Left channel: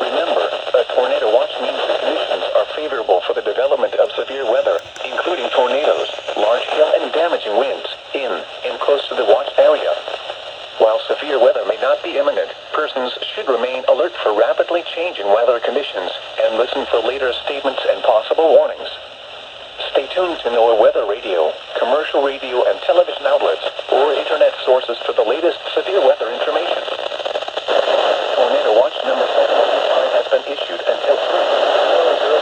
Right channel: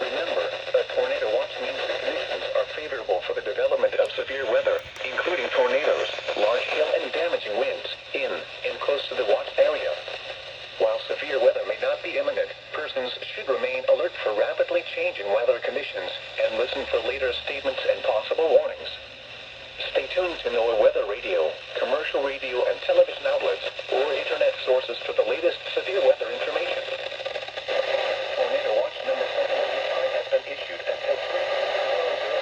Remember, a tornado watch means the conditions are favorable for the development of severe weather, including tornadoes, large hail, and damaging winds in and close to the watch area. While severe weather may not be imminent, persons should remain alert for rapidly changing weather conditions and listen for later statements and possible warnings. Stay tuned to NOAA Weather Radio, commercial radio and television outlets, or internet sources for the latest severe weather information. Tornado Watch number 715 has been issued until 3:00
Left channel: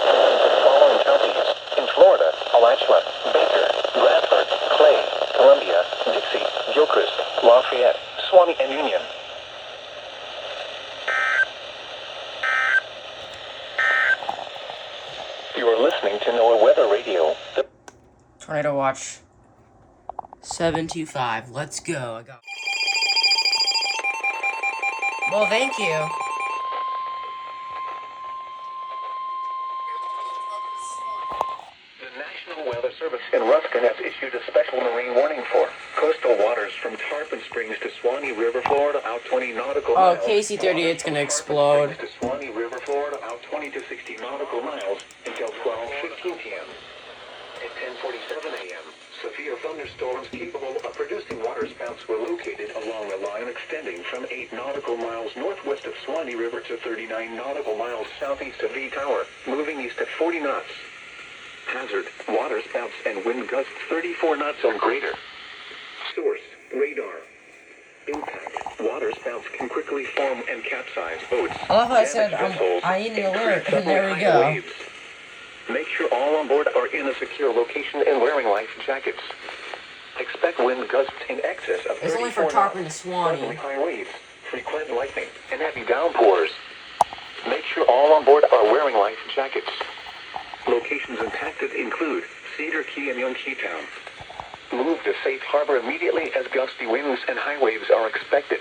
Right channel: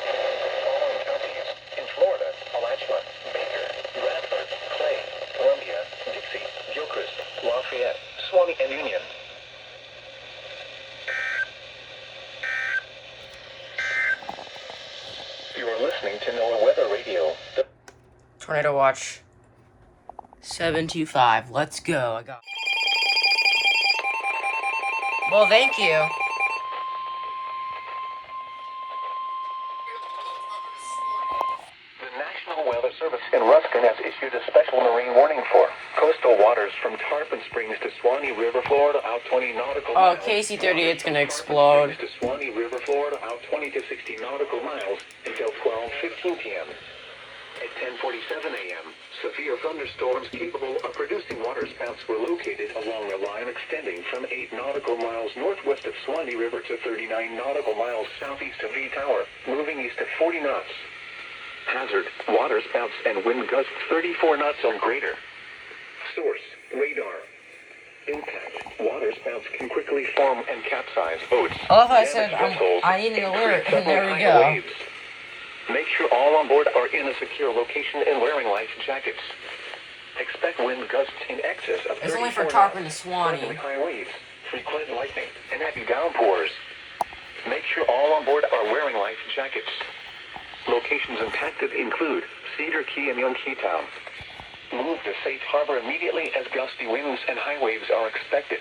p.m. for the following counties: in Florida, Alachua, Baker, Bradford, Clay, Columbia, Dixie, Gilchrist, Lafayette, Suwannee, and Union. You are listening to NOAA Weather Radio. Tornado Watch 725. Let's go. Well, thank you. The National Weather Service in Ruskin has issued a special marine warning for coastal waters from Tarpon Springs to Suwannee River, Florida, out 20 nautical miles. Oh, KC-38's gonna explode. To Suwannee River, Florida, out 20 to 60 nautical miles until 12:15 p.m. At 10:47 a.m., severe thunderstorms capable of producing waterspouts were located along the line extending from 8 nautical miles northwest of Suwannee River to 39 nautical miles southeast of V Tower, moving east at 40 knots. Hazard, waterspouts and wind gusts 34 knots or greater. Source, radar. Impact, waterspouts can quickly form and capsize boats. I love how I said, damage vessels, I need an and alert, create and there we suddenly go. high waves. Make sure all on board are in a secure location and wearing life jackets. Expect wind gusts in excess of 34 It's only for Tarpon to knots, Suwannee. suddenly high waves, frequent lightning, and heavy downpours. Make sure all on board are wearing life jackets. Locations impacted include Cedar Key and Young Keytown. Move to safe harbor immediately as gusty winds and high waves are expected.